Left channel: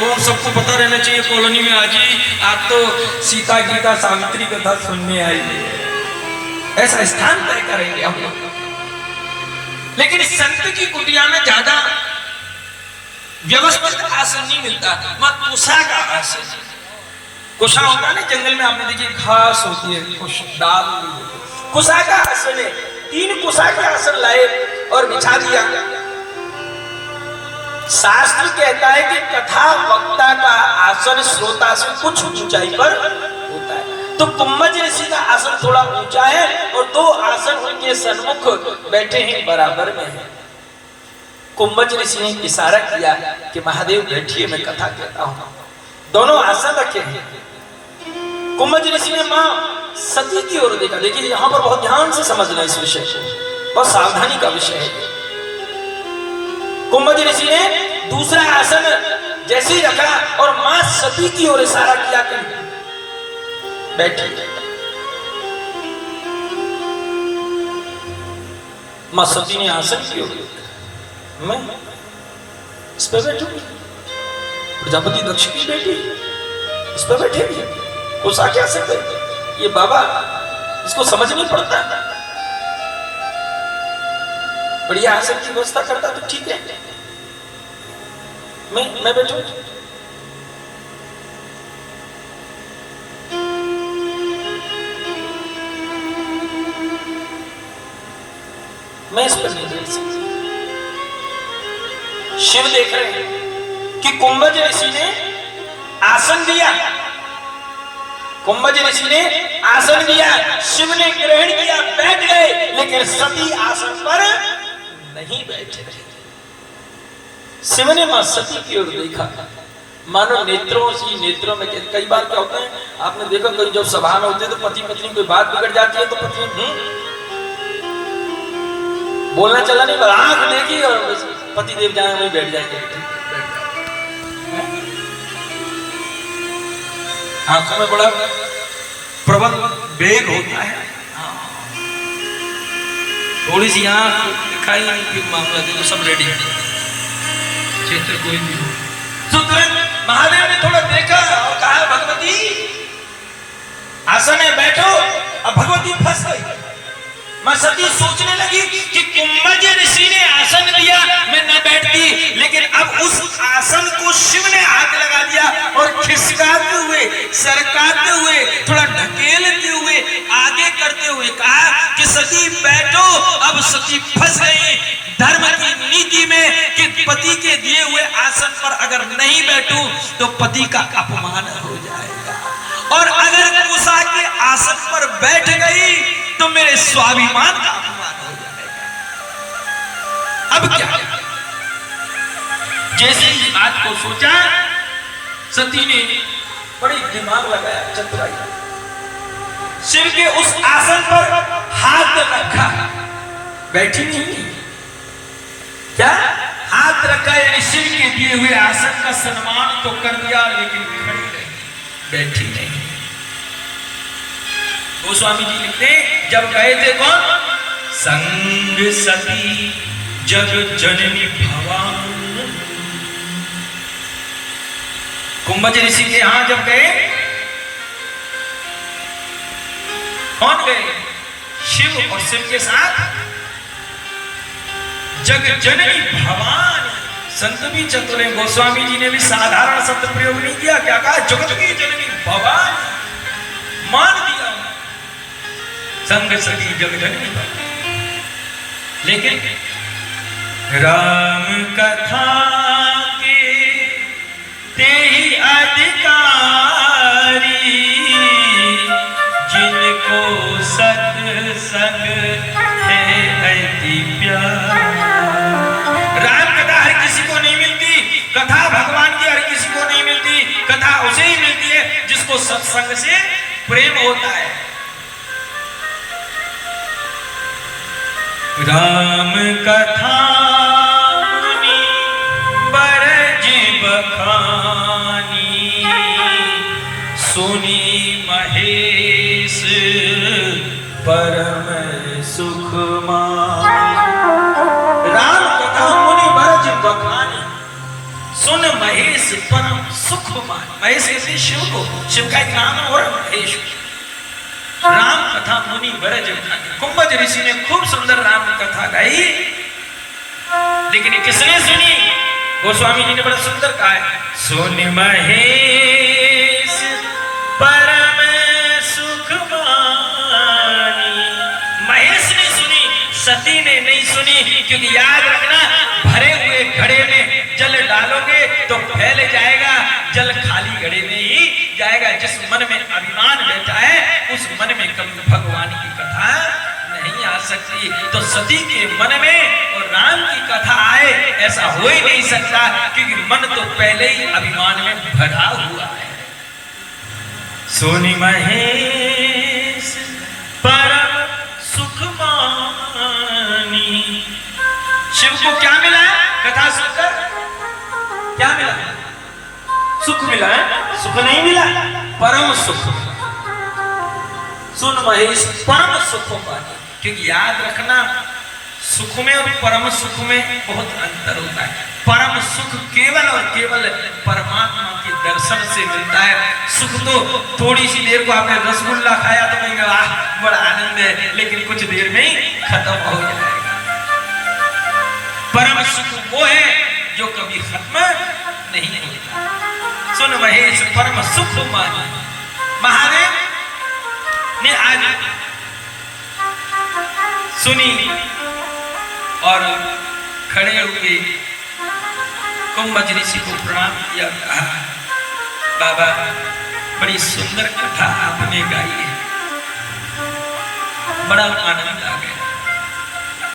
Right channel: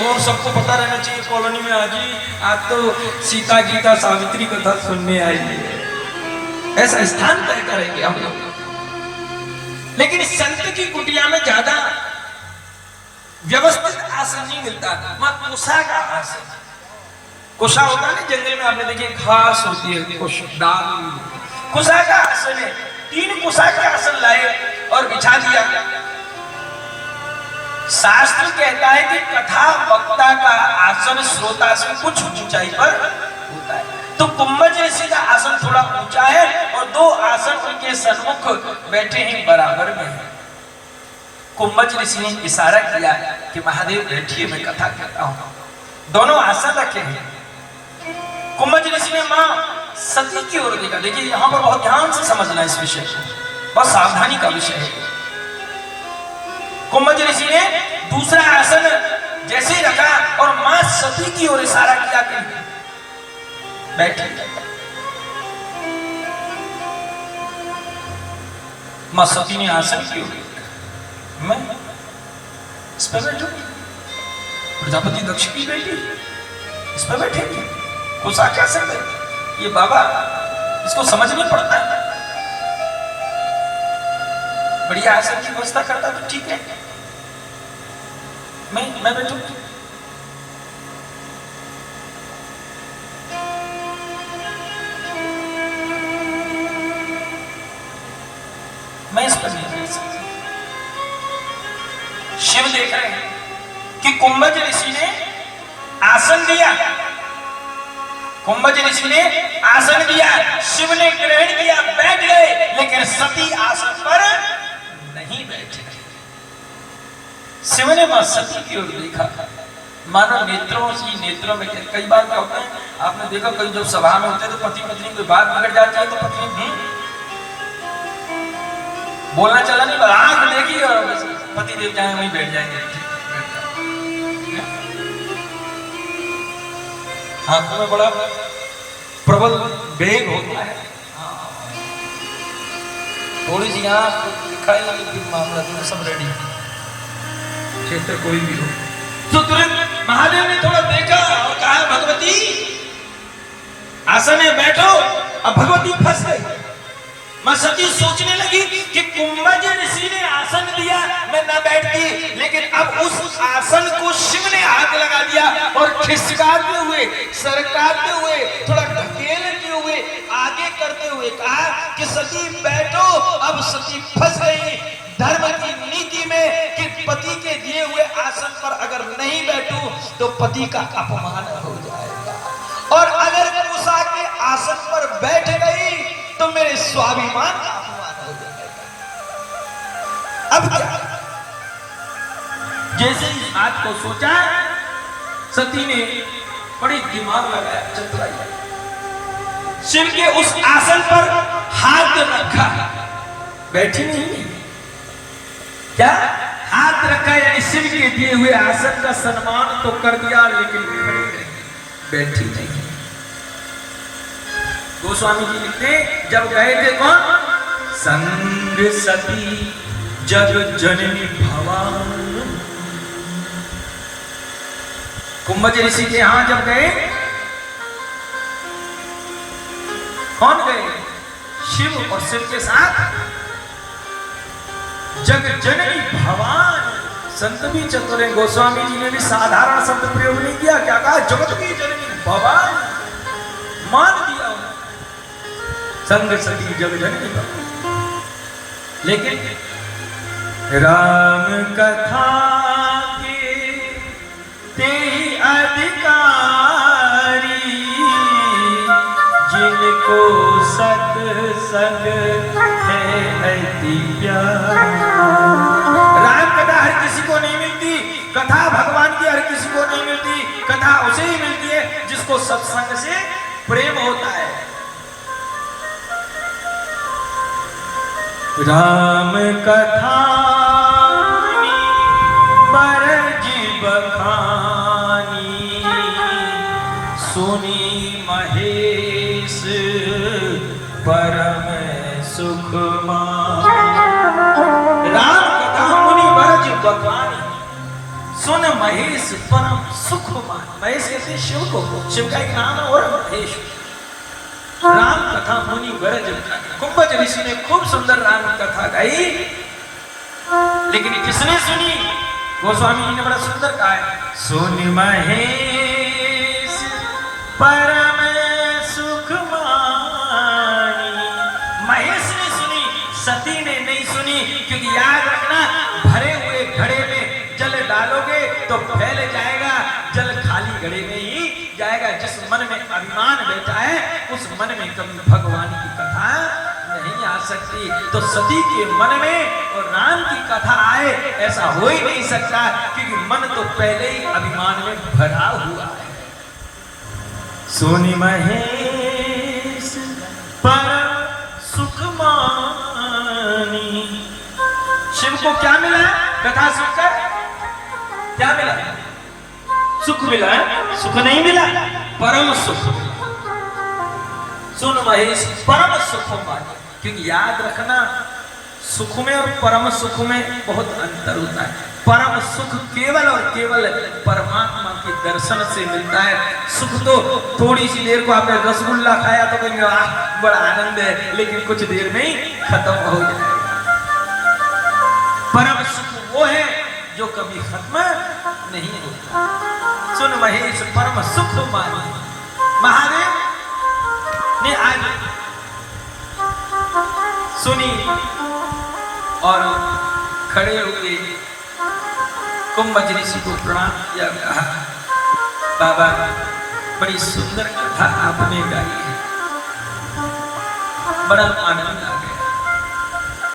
वो सबको पता रहना चाहिए कॉलोनी में आज तो सीता गीता सावित्री कथा सुनने आई है, ऐसा स्थान तय करेंगे हम लोग। लेकिन संत की कुटिया में ज्यादा व्यवस्थित आसन नहीं मिलता, मत कुशा का आसन। कुशा होता है ना जंगल में, आपने देखी घास होती है, कुशा का आसन है। 3 कुशा के आसन लाए और बिछा दिया। शास्त्र कहता है कि कथा वक्ता का आसन श्रोता से कुछ ऊंचाई पर होता है। तो कुंभज ऋषि का आसन थोड़ा ऊंचा है और 2 आसन उनके सन्मुख बैठे हैं, बराबर में है। कुंभज ऋषि ने इशारा किया कि महादेव बैठिए, मैं कथा कहता हूं। दोनों आसन रखे हैं। कुंभज ऋषि ने मां सती की ओर देखा। देखिए यहां पर बहुत ध्यान से समझना इस विषय को, बहुत सावधानी का विषय है। कुंभज ऋषि ने दूसरा आसन जैसे ही रखा और मां सती की ओर इशारा किया कि बैठी। मां सती ने आसन की ओर, मैं इस पर बैठूंगी। प्रजापति दक्ष की बेटी इस पर बैठेगी, उस आके आसन पे। ये बाबा इसको समझ नहीं पड़ता। बढ़िया आसन की व्यवस्था करता तो ठीक है, मैं बैठू। मैं इस पर नहीं बैठ सकती। शिव देख रहे हैं कि कुंभज ऋषि ने आसन दिया। कुंभज ऋषि ने आसन दिया, शिव ने ग्रहण किया, बैठ गए। लेकिन सती आसन पर नहीं बैठे। शिव ने मां सती की ओर देखा, मानो नेत्रों से नेत्रों में। कई बार क्या होता है, आपने देखा कभी जब सभा में होते हैं तो पति पत्नी कोई बात बिगड़ जाती है तो पत्नी बोलना चला नहीं, आंख देखी और पति देव जाए वहीं बैठ जाएंगे। आंखों में बड़ा प्रबल वेग होता है। थोड़ी सी आंख दिखाई नहीं कि मामला देखो सब रेडी है, क्षेत्र कोई भी हो। तो तुरंत महादेव ने थोड़ा देखा और कहा भगवती आसन में बैठो। अब भगवती फंस गई। मां सती सोचने लगी कि कुंभज ऋषि ने आसन दिया, मैं न बैठती। लेकिन अब उस आसन को शिव ने हाथ लगा दिया और खिसकाते हुए, सरकाते हुए, थोड़ा ढकेलते हुए, आगे करते हुए कहा कि सती बैठो। अब सती फंस गई धर्म की नीति में कि पति के दिए हुए आसन पर अगर नहीं बैठूं तो पति का अपमान हो जाएगा, और अगर कुशा के आसन पर बैठ गई तो मेरे स्वाभिमान का अपमान हो जाएगा। अब क्या? जैसे ही बात को सोचा, सती ने बड़ी दिमाग लगाया, चतुराई, शिव के उस आसन पर हाथ रखा। बैठी नहीं, क्या हाथ रखा, यानी शिव के दिए हुए आसन का सम्मान तो कर दिया, लेकिन खड़ी नहीं, बैठी नहीं। गोस्वामी जी लिखते, जब गए थे कौन? संग सती जग जननी भवानी। कुंभज ऋषि के यहां जब गए, कौन गए? शिव, और शिव के साथ जग जननी भवानी। संत भी चतुर हैं। गोस्वामी जी ने भी साधारण शब्द प्रयोग नहीं किया, क्या कहा? जगत की जननी भवानी, मान दिया संग सती जग जननी भवानी। लेकिन राम कथा के ते ही अधिकारी, जिनको सत्संग है अति प्यार। राम कथा हर किसी को नहीं मिलती, कथा भगवान की हर किसी को नहीं मिलती। कथा उसे ही मिलती है जिसको सत्संग से प्रेम होता है। राम कथा बरज बखानी, सुनी महेश परम सुख मान। राम कथा मुनि बरज बखानी, सुन महेश परम सुख मान। महेश कहते शिव को, शिव का एक नाम है और महेश। राम कथा मुनि गरज। कुंभज ऋषि ने खूब सुंदर राम कथा गाई, लेकिन किसने सुनी? गोस्वामी जी ने बड़ा सुंदर कहा है, सुन महेश परम सुख मानी। महेश ने सुनी, सती ने नहीं सुनी। क्योंकि याद रखना, भरे हुए घड़े में जल डालोगे तो फैल जाएगा, जल खाली घड़े में ही जाएगा। जिस मन में अभिमान बैठा है उस मन में कभी भगवान की कथा नहीं आ सकती। तो सती के मन में और राम की कथा आए, ऐसा हो ही नहीं सकता, क्योंकि मन तो पहले ही अभिमान में भरा हुआ है। सोनी महेश परम सुख मानी। शिव को क्या मिला है कथा सुनकर? क्या मिला? सुख मिला है? सुख नहीं मिला, परम सुख। सुन महेश परम सुख पानी। क्योंकि याद रखना, सुख में और परम सुख में बहुत अंतर होता है। परम सुख केवल और केवल परमात्मा के दर्शन से मिलता है। सुख तो थोड़ी सी देर को आपने रसगुल्ला खाया तो कहेंगे वाह बड़ा आनंद है, लेकिन कुछ देर में ही खत्म हो जाएगा। परम सुख वो है जो कभी खत्म नहीं होता। सुन महेश परम सुख मानी। महादेव ने आज सुनी और खड़े हुए कुंभज ऋषि को प्रणाम किया, कहा बाबा बड़ी सुंदर कथा आपने गाई है, बड़ा आनंद